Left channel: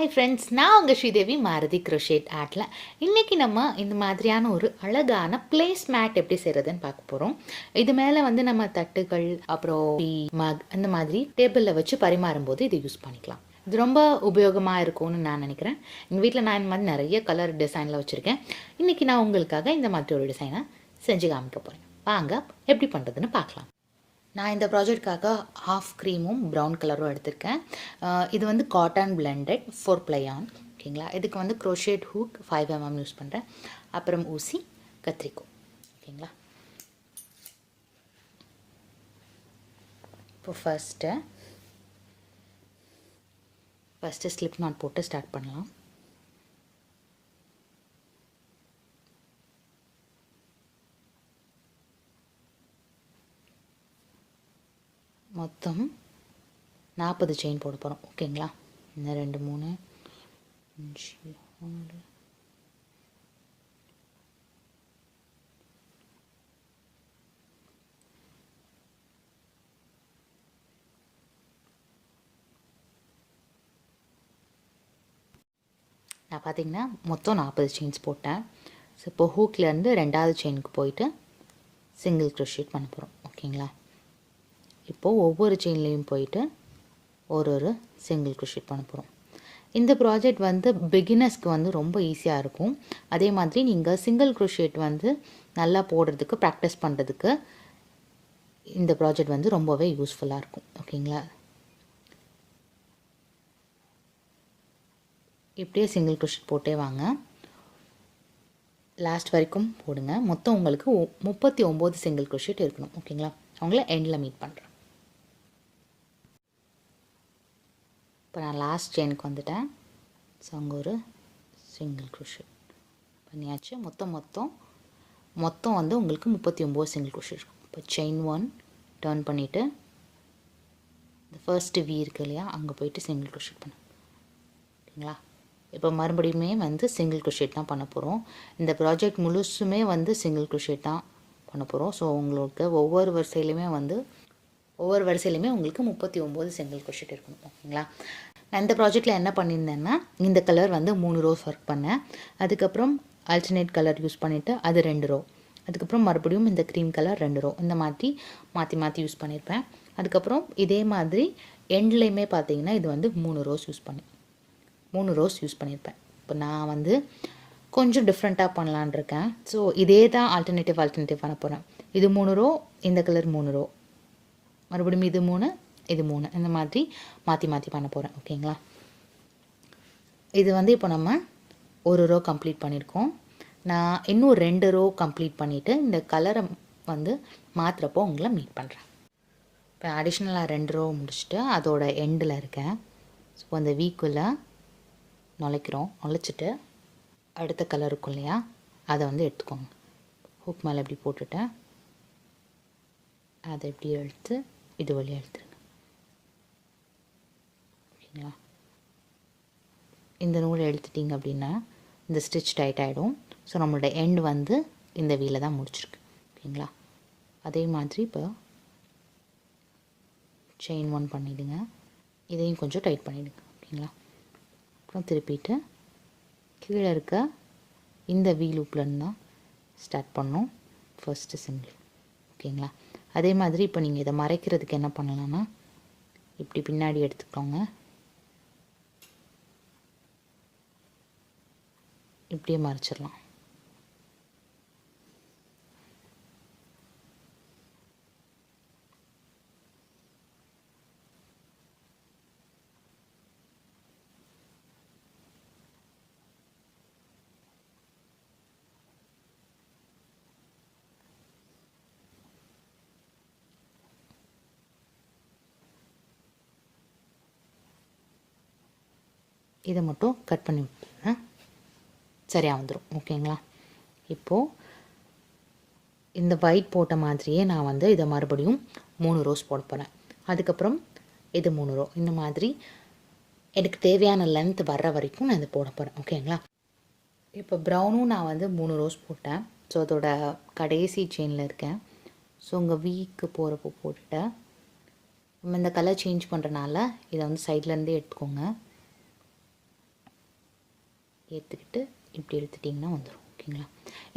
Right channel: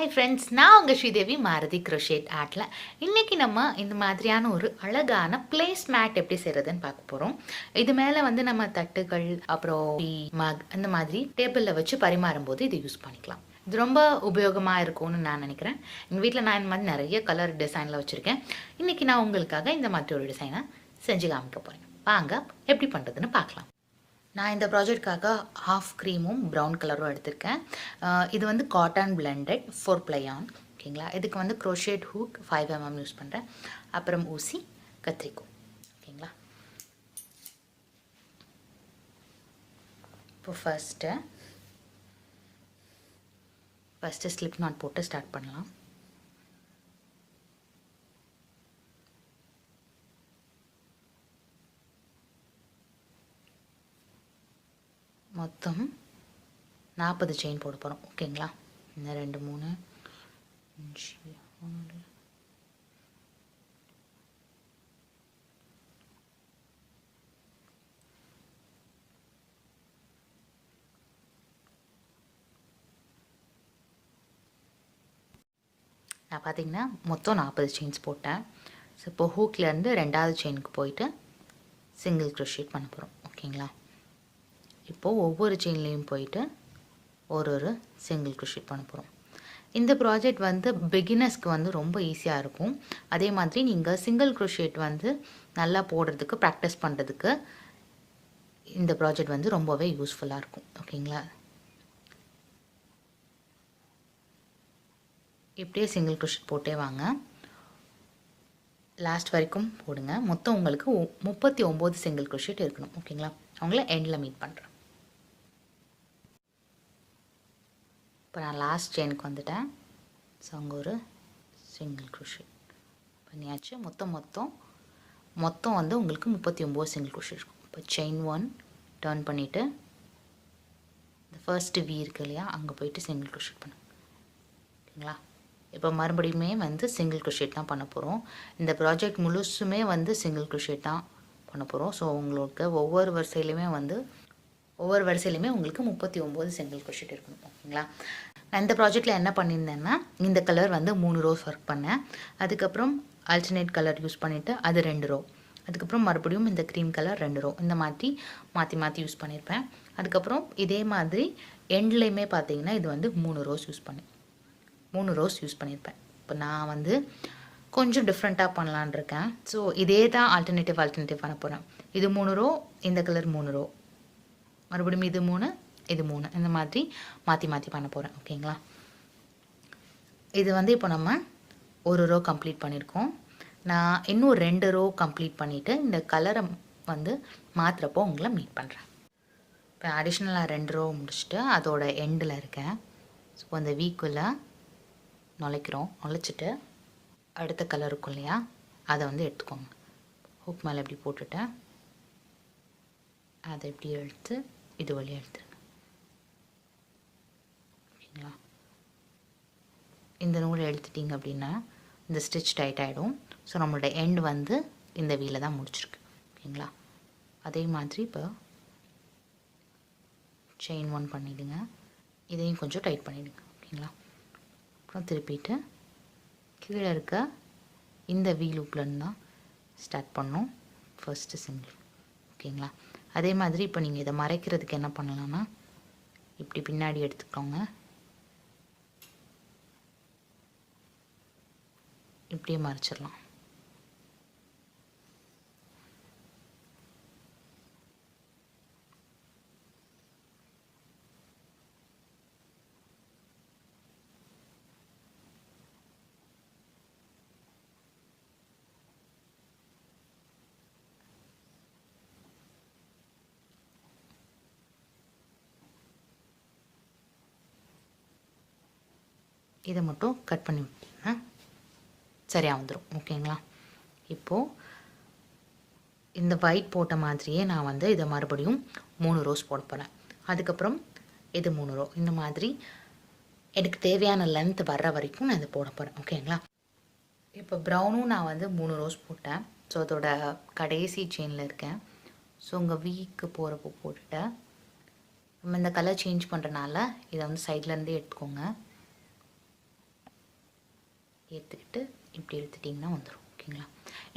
Hi friends நான் உங்கள் ஸ்ரீதேவி மாருதி க்ரொஷேட் ஆர்ட்டில் இன்றைக்கி நம்ம இந்த மாதிரியான ஒரு அழகான பிளேஸ் மேட் எப்படி செய்கிறதுன்னு பார்க்க போகிறோம் இது மேலே வந்து நம்ம தட்டுகள் அப்புறம் மக் அந்த மாதிரி டேபிளில் வச்சு பரிமாறும்போது இதை யூஸ் பண்ணிக்கலாம். இது ரொம்ப உபயோகமாக இருக்கும்னு நான் நினைக்கிறேன். எங்கள் வீட்டில் நான் இந்த மாதிரி நிறைய கலர் டிசைனில் வச்சுருக்கேன். இன்றைக்கி நான் உங்களுக்காக இந்த மாதிரி ஒரு டிசைனை செஞ்சு காமிக்க போகிறேன் வாங்க எப்படி பண்ணுறதுன்னு பார்க்கலாம். நான் இந்த ப்ராஜெக்ட்காக ஹாஃப் க்ரீமும் ப்ரௌன் கலரும் எடுத்திருக்கேன். இது வந்து காட்டன் பிளெண்டட் ஃபோர் ப்ளையான் ஓகேங்களா? இதுக்கு வந்து crochet hook five MM use பண்ணுறேன் அப்புறம் ஊசி கத்திரிக்கோ ஓகேங்களா? இப்போ ஃபஸ்ட்டு ஃபஸ்ட்டு ஸ்லிப் நாட் போட்டு ஸ்டார்ட் பண்ணலாம். மொத்தம் நாற்பது செயின் போட போகிறோம் ஓகேங்களா இன்னும் ரெண்டு மூணு அஞ்சு ஆறு நான் பார்த்தீங்கன்னா மொத்தம் நாற்பது செயின்ஸ் போட்டேன். ஸோ இப்போ ஹூக்லேருந்து ரெண்டாவது செயினுக்கு போயிட்டு சிங்கிள் க்ரோஷேட் பண்ண போகிறோம் ஓகேங்களா இப்போது ஒவ்வொரு செயின்லேயும் போயிட்டு ஒரு ஒரு சிங்கிள் க்ரோஷேட் பண்ண போகிறோம் இந்த ப்ராஜெக்ட் வந்து பிகினர்ஸ்க்கு வந்து ரொம்ப ஈஸியாக இருக்கும். அதே மாதிரி நீங்கள் சிங்கிள் க்ரோஷேட் வந்து நல்லா போடுறதுக்கு ப்ராக்டிஸ் பண்ணுறதுக்கு இந்த ப்ராஜெக்ட் வந்து ரொம்பவே யூஸ்ஃபுல்லாக இருக்கும். ஓகேங்களா? இப்படியே சிங்கிள் க்ரோஷேட் போட்டே வாங்க. லாஸ்ட் வரைக்கும் போடுங்க. மொத்தம் உங்களுக்கு முப்பத்தி ஒம்பது சிங்கிள் க்ரோஷேட் இருக்கணும். ஓகேங்களா? அவங்கள எண்டில் மீட் பண்ணுறேன் இப்போ நான் லாஸ்ட் செயினுக்கு வந்துட்டேன். ஸோ அங்கே ஒரு சிங்கிள் க்ரோஷேட் பண்ணியாச்சு. மொத்தம் மொத்தம் மொத்தம் வந்து உங்களுக்கு முப்பத்தி ஒம்பது சிங்கிள் க்ரோஷேட் இருக்கும். இப்போ செயின் ஒன் டேர்ன் பண்ணிவிட்டு இந்த ஃபர்ஸ்ட்டு வி இருக்கு இல்லையா அங்கே போயிட்டு சிங்கிள் க்ரோஷேட் பண்ணும் ஓகேங்களா இப்போ மறுபடியுமே வந்து சிங்கிள் க்ரோஷேட் தான் பண்ண போகிறோம் இந்த ப்ராஜெக்ட் முழுசுமே வந்து சிங்கிள் க்ரோஷேட் தான் பண்ண போகிறோம் ஸோ உங்களுக்கு ஒவ்வொரு வரிசையிலையுமே வந்து ஒவ்வொரு வரிசையிலையுமே உங்களுக்கு முப்பத்தி ஒம்பது செங்கல் கொஷிட் இருக்கணும் ஓகேங்களா? நான் இந்த ப்ராஜெக்டில் என்ன பண்ணியிருந்தேன்னா இந்த கலர் வந்து மூணு ரோஸ் ஒர்க் பண்ணேன். அதுக்கப்புறம் ஆல்டர்னேட் கலர் யூஸ் பண்ணிவிட்டு அது ரெண்டு ரோ அதுக்கப்புறம் மறுபடியும் இந்த க்ரீம் கலர் ரெண்டு ரோ இந்த மாதிரி மாற்றி மாற்றி யூஸ் பண்ணியிருப்பேன். அதுக்கப்புறம் இதே மாதிரி எண்ட்லேயுமே பார்த்தீங்கன்னா இது வந்து மூணு ரோஸ் யூஸ் பண்ணேன் மூணு ரோஸ் யூஸ் பண்ணியிருப்பேன். இப்போ நான் வந்து கொஞ்சம் டிஃப்ரெண்ட்டாக பண்ணலான் இருக்கேன். ஸோ இதே தான் ஆல்டர்னேட்டிவ் ஆல்டர்னேட்டிவ் பண்ண போகிறேன் இது மூணு ரோ இந்த கலர் மூணு ரோ மறுபடியும் இது மூணு இது மூணு. இந்த மாதிரி மாற்றி மாற்றி பண்ண போகிறேன் ஓகேங்களா இது வந்து இப்போ நம்ம ஒரு ரோ கம்ப்ளீட் பண்ணியிருக்கோம் நான் இன்னும் ரெண்டு ரோ கம்ப்ளீட் பண்ணிவிட்டு இந்த கலரை வந்து மாற்றுறப்போ உங்களை மீட் பண்ணுறேன் இப்போ அடிஷ்னலாக ரெண்டு ரோ முடிச்சுட்டு அதோட எண்டில் இருக்கேன். ஸோ அந்த வீக்குள்ளே நுழைக்கிறோம். நுழைச்சிட்டு அடுத்த கலர் இருக்கும் இல்லையா? அதை வந்து எடுத்துக்கோங்க. ஹூக் மேலே இப்படி போட்டுட்டேன்? அதை இப்படி எடுத்து இது வழியாக எடுத்துருங்க ஓகேங்களா இந்த நூலை எடுத்துட்டிங்க அப்படின்னா இந்த ஸ்டிச் டைட் ஆகிடும் ஸோ நம்மளோட எண்ட் வந்து இந்த வீல தான் முடிச்சிருக்கு ஓகேங்களா அதே மாதிரி இப்போ செயின் ஒன் பண்ணிவிடுங்க இதையும் கொஞ்சம் டைட் பண்ணிவிடுங்க ஓகேங்களா அப்புறம் திருப்பிட்டு கீழே இருக்க இந்த வீ லூப்லேருந்து தான் ஸ்டார்ட் பண்ணோம் ஃபர்ஸ்ட்டு சிங்கிள் ஓகேங்களா அதே மாதிரி இப்போ நீங்கள் இதை மறைக்கிறதுக்கு என்ன பண்ணலாம்னா இப்படி பின்னாடி எடுத்துக்கோங்க. இப்படியே மறைச்சிடலாம். இதை மட்டும் கட் பண்ணி விட்டுருங்க சரியாக வந்துடும் ஓகேங்களா? இப்போது இந்த ஒயிட் போட்ட மாதிரியே நான் வந்து இதை மறுபடியும் மூணு ரோஸ் போட போகிறேன் அதுக்கப்புறம் இது மூணு ரோ இந்த மாதிரி எனக்கு தேவையான லென்த் வர்ற வரைக்கும் நான் இதை போட போகிறேன் ஓகேங்களா? இப்போ ப்ரௌனும் நான் வந்து மூணு ரோஸ் போட்டேன். ஸோ அதோட கடைசி செயினில் இருக்கேன். ஸோ உங்கள் வீக்கு போகிறப்போ போட்டுட்டேன் நம்ம இந்த கலர் சேஞ்ச் பண்ணுறனால இதை வந்து சைட்லேருந்தே எடுத்துக்கோங்க. ஏற்றுக்கிட்டு இப்படி எடுத்துட்டிங்கன்னா வந்துடும் ஓகேங்களா?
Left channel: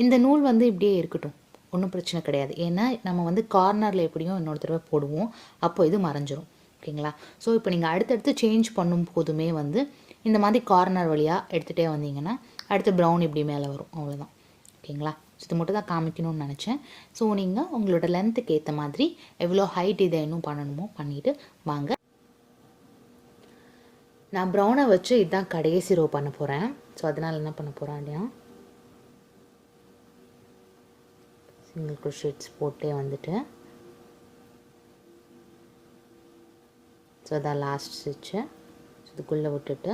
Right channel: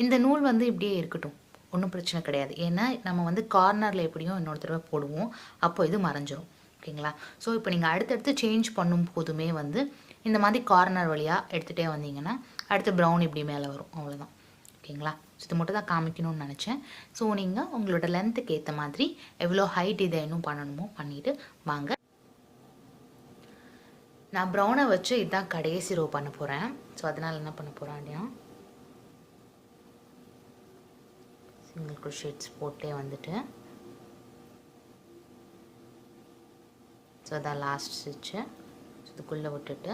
இந்த நூல் வந்து இப்படியே இருக்கட்டும் ஒன்றும் பிரச்சனை கிடையாது. ஏன்னா நம்ம வந்து கார்னரில் எப்படியும் இன்னொரு தடவை போடுவோம் அப்போ இது மறைஞ்சிரும் ஓகேங்களா? ஸோ இப்போ நீங்கள் அடுத்தடுத்து சேஞ்ச் பண்ணும் போதுமே வந்து இந்த மாதிரி கார்னர் வழியாக எடுத்துகிட்டே வந்தீங்கன்னா அடுத்து ப்ரௌன் இப்படி மேலே வரும் அவ்வளோதான் ஓகேங்களா? ஸோ இது மட்டும் தான் காமிக்கணும்னு நினச்சேன். ஸோ நீங்கள் உங்களோட லென்த்துக்கு ஏற்ற மாதிரி எவ்வளோ ஹைட் இதை இன்னும் பண்ணணுமோ பண்ணிவிட்டு வாங்க. நான் ப்ரௌனை வச்சு இதுதான் கடைசி ரோ பண்ண போகிறேன் ஸோ அதனால் என்ன பண்ண போகிறேன் அப்படின்னா சிங்கிள் க்ரோஷேட்ஸ் போட்டே வந்துட்டு ஸோ அதான் லாஸ்ட் ஸ்டிச்சு இதுக்குள்ளே விட்டுட்டு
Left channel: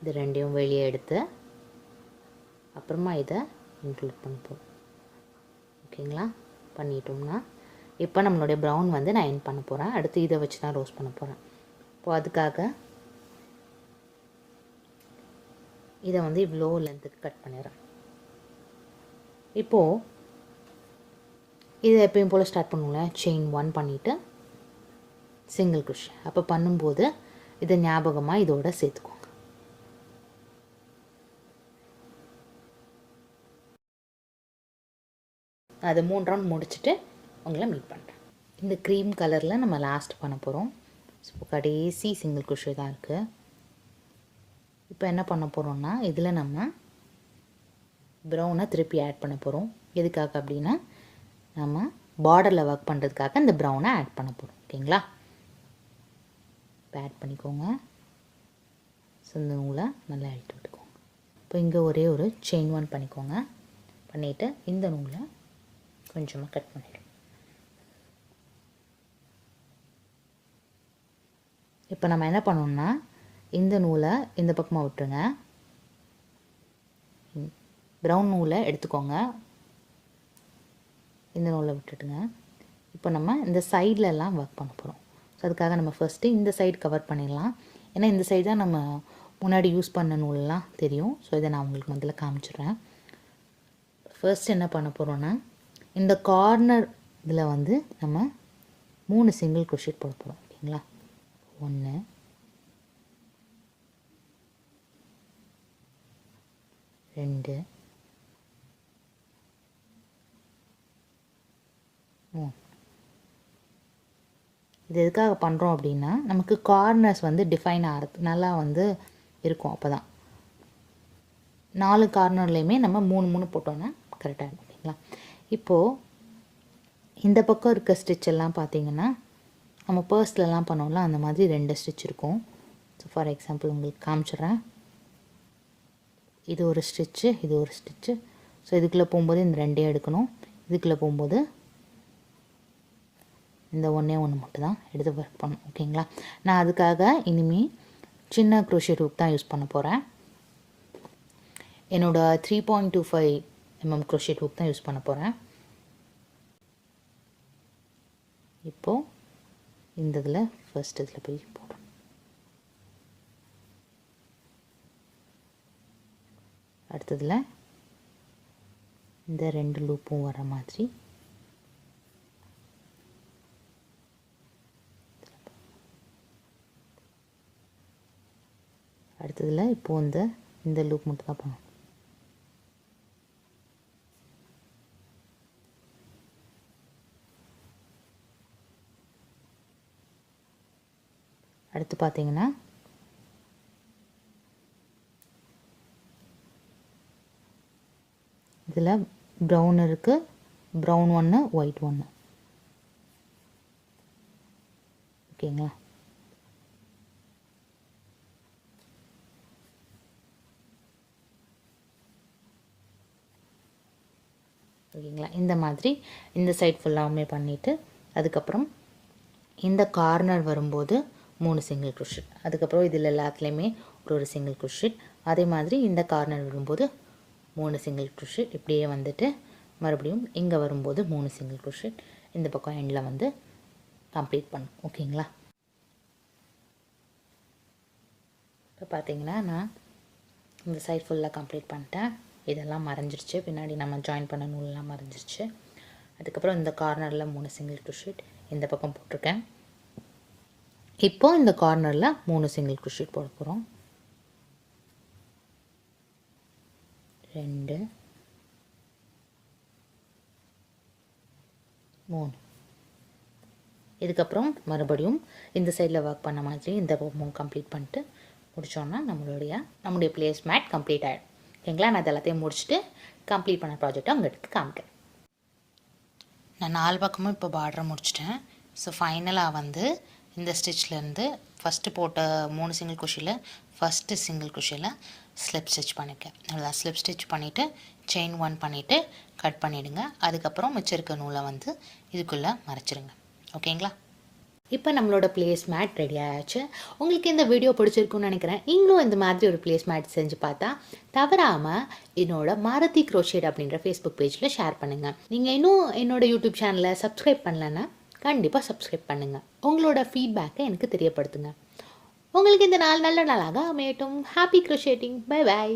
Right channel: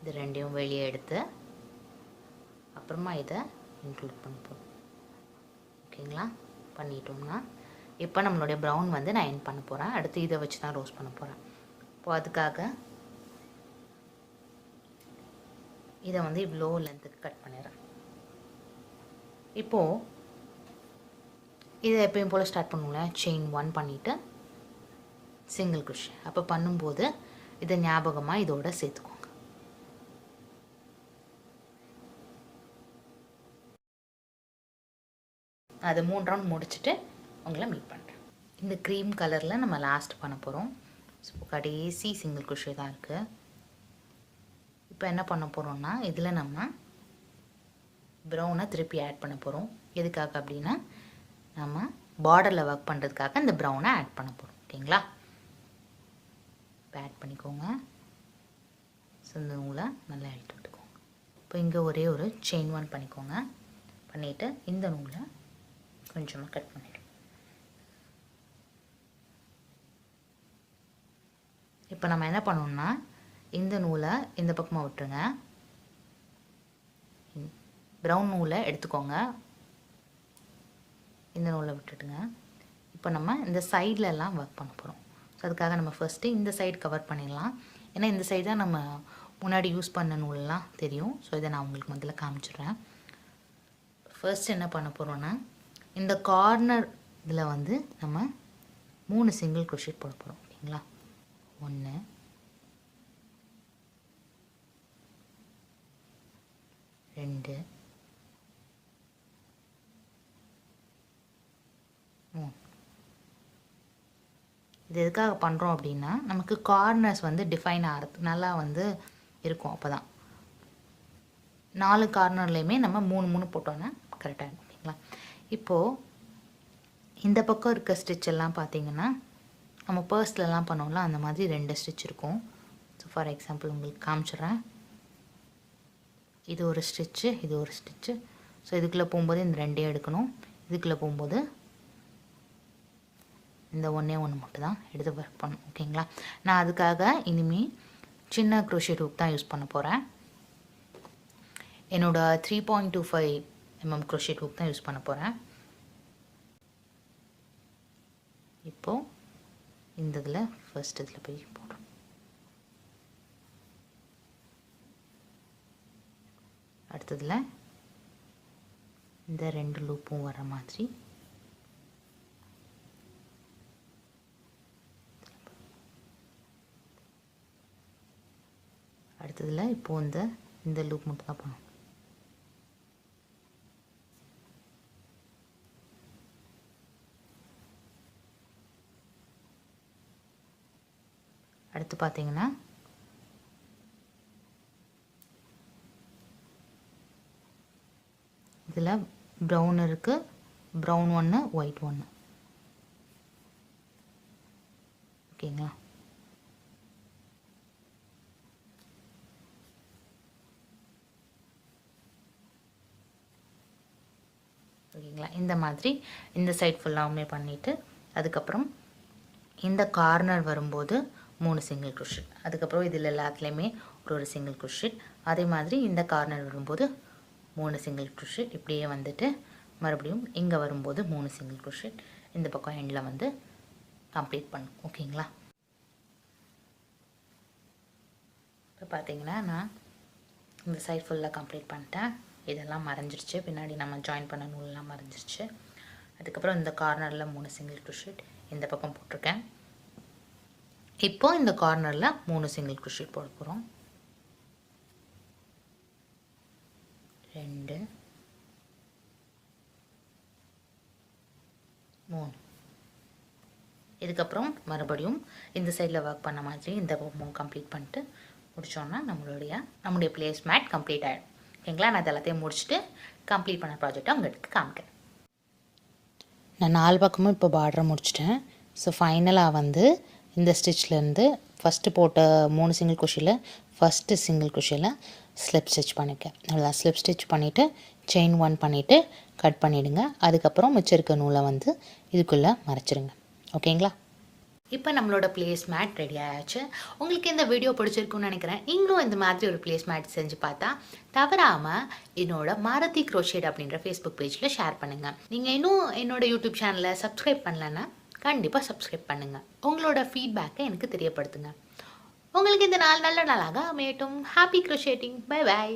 இது ரெண்டையும் வெளியே எடுத்து அப்புறமா இதை இன்க்ளூட் பண்ணிப்போம் ஓகேங்களா? பண்ணிட்டோம்னா இப்போ நம்மளுடைய ப்ரௌன் வந்து நான் என் பண்ண போகிறேன் அடுத்து இதை வச்சு தான் ரோஸ் பண்ண போகிறேன் இப்போ அதுக்காக இதை வந்து இவ்வளோ லென்த்துக்கு கட் பண்ணிடுறேன். இப்போது இதை எப்பயும் போல் ஸ்டார்ட் பண்ணுவோம்ல? செயின் ஒன் பண்ணிவிட்டு சிங்கிள் குஷ் அப்போ பண்ணும்போது இதை ஞாபகமாக இதோட சேர்த்துக்கோங்க. அது மூணு ரவுண்ட் முடிச்சுட்டு உங்களை மீட் பண்ணுறேன் இந்த க்ரீம் கலரில் நம்ம லாஸ்ட் பண்ண போகிறோம் ஸோ கடைசி சிங்கிள் குஷி தான் இருக்குது இப்போ என்ன பண்ண போகிறோம்னா இதில் நம்ம ப்ரௌனை திருப்பி ஆட் பண்ண போகிறோம் எதுக்காக அப்படின்னா நம்ம பார்டரில் ஒர்க் பண்ணுறதுக்காக இந்த ப்ரௌனை ஆட் பண்ண போகிறோம் ஓகேங்களா? இப்போ ஆட் பண்ணிக்கோங்க. ஸோ இந்த நூலை நல்லா இழுத்து விட்டுக்கோங்க. இப்போ இங்கே ஒரே ஒரு செயின் ஒன் பண்ணிக்கோங்க. பண்ணிவிட்டு இந்த நூலை கொஞ்சமாக கட் பண்ணிவிடும் இப்போ நம்ம என்ன பண்ணோம்னா இந்த நூலை இந்த பக்கமாக விட்டுருங்க. ப்ரௌன் நூலை எடுத்துக்கோங்க. இந்த நூலை விட்டுட்டுங்க. இப்போ நம்ம இந்த சைட்லலாம் ஒர்க் பண்ண போகிறோம் ஸோ அதுக்காக நம்ம ஃபஸ்ட்டு இந்த சைடு கவர் பண்ணிடலாம். ஏன்னா இந்த சைடு தான் நம்ம முன்னாடி யூஸ் பண்ண நூலெலாம் தெரியும். ஸோ இதை நான் உங்களுக்கு முதல்ல காமிச்சிடுறேன். ஃபர்ஸ்ட் என்ன பண்ண போகிறோன்னா இந்த கார்னர் இதில் வந்து நம்ம மூணு சிங்கிள் குஷிட் போட போகிறோம் ஓகேங்களா ஒன்று ரெண்டு. மூணு. இது எதுக்காக பண்ணுறோம் அப்படின்னா நமக்கு கார்னர்ஸ் வந்து டிஃபைன் ஆகிறது நல்லா வந்து இருக்கும் அப்போ தான் நாலு கார்னர்லேயுமே நம்ம மூணு மூணு போட்டோன்னா கரெக்டாக இருக்கும் இல்லைங்களா? இப்போது இந்த பக்கம் இருக்க ஸ்டிச் எல்லாம் பார்த்தீங்கன்னா நம்ம பர்ஸ்லலாம் பண்ணோம்ல அந்த மாதிரி ரெண்டு ஸ்டிச் இருக்கும். ஸோ ஃபார் எக்ஸாம்பிள் உங்களுக்கு காமிச்சிட்றேன். இது ஒரு ஸ்டிச்சு இது ஒரு ஸ்டிச்சு ஸோ இதுக்குள்ளே போகும்போது இந்த ரெண்டே எடுக்கணும். இதுக்குள்ளே போகும்போது இந்த ஒன்றே ஒன்று மட்டும் தான் எடுத்து ஒர்க் பண்ணும் ஓகேங்களா நான் அதுக்காக இனிமேல் சின்ன க்ரோஷே ஹூக் தான் யூஸ் பண்ண போகிறேன் என்னோடய three point two five MM crochet hook தான் யூஸ் பண்ண போகிறேன் இப்போது இந்த இதில் ஃபஸ்ட் இதில் போய் போ அடுத்ததில் இந்த ரெண்டு லூப்பும் வர மாதிரி. அடுத்ததில் இப்போது இந்த இந்த லூப் மட்டும் தான் பண்ணணும். அடுத்து பார்த்தீங்கன்னா இதில் ப்ரௌன் இருக்குது ப்ரௌன் ஒன்று ஒயிட் ஒன்று ஓகேங்களா? ஓகேங்களா? இந்த மாதிரி இந்த சைட் ஃபுல்லாகவுமே பண்ணிவிட்டு அதுக்கப்புறம் இந்த கார்னர் வரும்போது மூணு சிங்கிள் குஷிட் அதுக்கப்புறம் இதில் எல்லாத்துலேயுமே ஒரு ஒரு சிங்கிள் குஷிட் அதே மாதிரி இந்த கார்னர் வரும்போது மூணு சிங்கிள் குஷிட் இப்படியே வந்துட்டு மறுபடியும் இங்கே வரும்போது மூணு சிங்கிள் குஷிட் இந்த பக்கம் எண்டில் வந்து கம்ப்ளீட் பண்ணும். ஓகேங்களா இப்போ பார்த்தீங்கன்னா நான் இந்த சைட் ஃபுல்லாக கம்ப்ளீட் பண்ணிட்டேன். இதெல்லாம் மறைஞ்சிருச்சு. பின்னாடி நம்ம ஜாயின் பண்ண நூலெலாம் மறைஞ்சிருச்சு. அதுக்கப்புறம் இந்த கார்னரில் மூணு சிங்கிள் குஷிட் இந்த பக்கம் போட்டிருக்கேன். இப்போ இந்த கார்னரில் மூணு சிங்கிள் குஷிட் போட போகிறோம் ரெண்டு மூணு இதுக்கப்புறம் மறுபடியும் இந்த சைடில் ஒர்க் பண்ண மாதிரி இந்த மூணு கம்ப்ளீட் பண்ணிட்டு முடித்தோன்னா நம்மளுடைய நம்முடைய பிளேஸ் மேட் கம்ப்ளீட் ஆகிடும் ஓகேங்களா? நான் இது எல்லாத்தையும் முடிச்சுட்டு கம்ப்ளீட் பண்ண ப்ராஜெக்டை உங்களுக்கு காமிக்கிறேன். நான் நாலு பக்கமும் இப்போ பார்டர் முடிச்சிட்டேன். ஸோ ஃபைனலாக வந்து இந்த ஸ்டிச்லேருந்து ஃபஸ்ட்டு போட்ட மூணு சிங்கிள் குஷியில் ஃபஸ்ட்டு சிங்கிள் குஷியில் ஸ்லிப் ஸ்டிச் பண்ணிக்க. நல்லா ஸ்லிப் ஸ்டிச் பண்ணிவிட்டு செயின் ஒன் பண்ணிவிட்டு கட் பண்ணிவிடுங்க அதுக்கப்புறம் மிச்சிருக்க நூலை வந்து இதுக்குள்ளே மறைச்சிருங்க. ஓகேங்களா? இப்போ நம்மளோட பிளேஸ் மேட் ரெடி ஆயாச்சு. உங்களுக்கு இந்த வீடியோ பிடிச்சிருக்குன்னு நினைக்கிறேன். நீங்களும் இந்த மாதிரி ஒரு பிளேஸ் மேட் செஞ்சு பார்த்தா தவறாமல் என்னோட மாரதி க்ரோஷேட் அப்படின்ற ஃபேஸ்புக் பேஜில் ஷேர் பண்ணுங்கள் நீங்கள் இன்னும் என்னோட யூடியூப் சேனலை சப்ஸ்கிரைப் பண்ணலன்னா கண்டிப்பாக சப்ஸ்கிரைப் பண்ணுங்கள் உங்களோட ஃபீட்பேக்கை எனக்கு தெரியப்படுத்துங்க. உங்களுக்கு இந்த நாள் நல்ல நாளாக அமையட்டும். Happy க்ரோஷேட்டிங் bye bye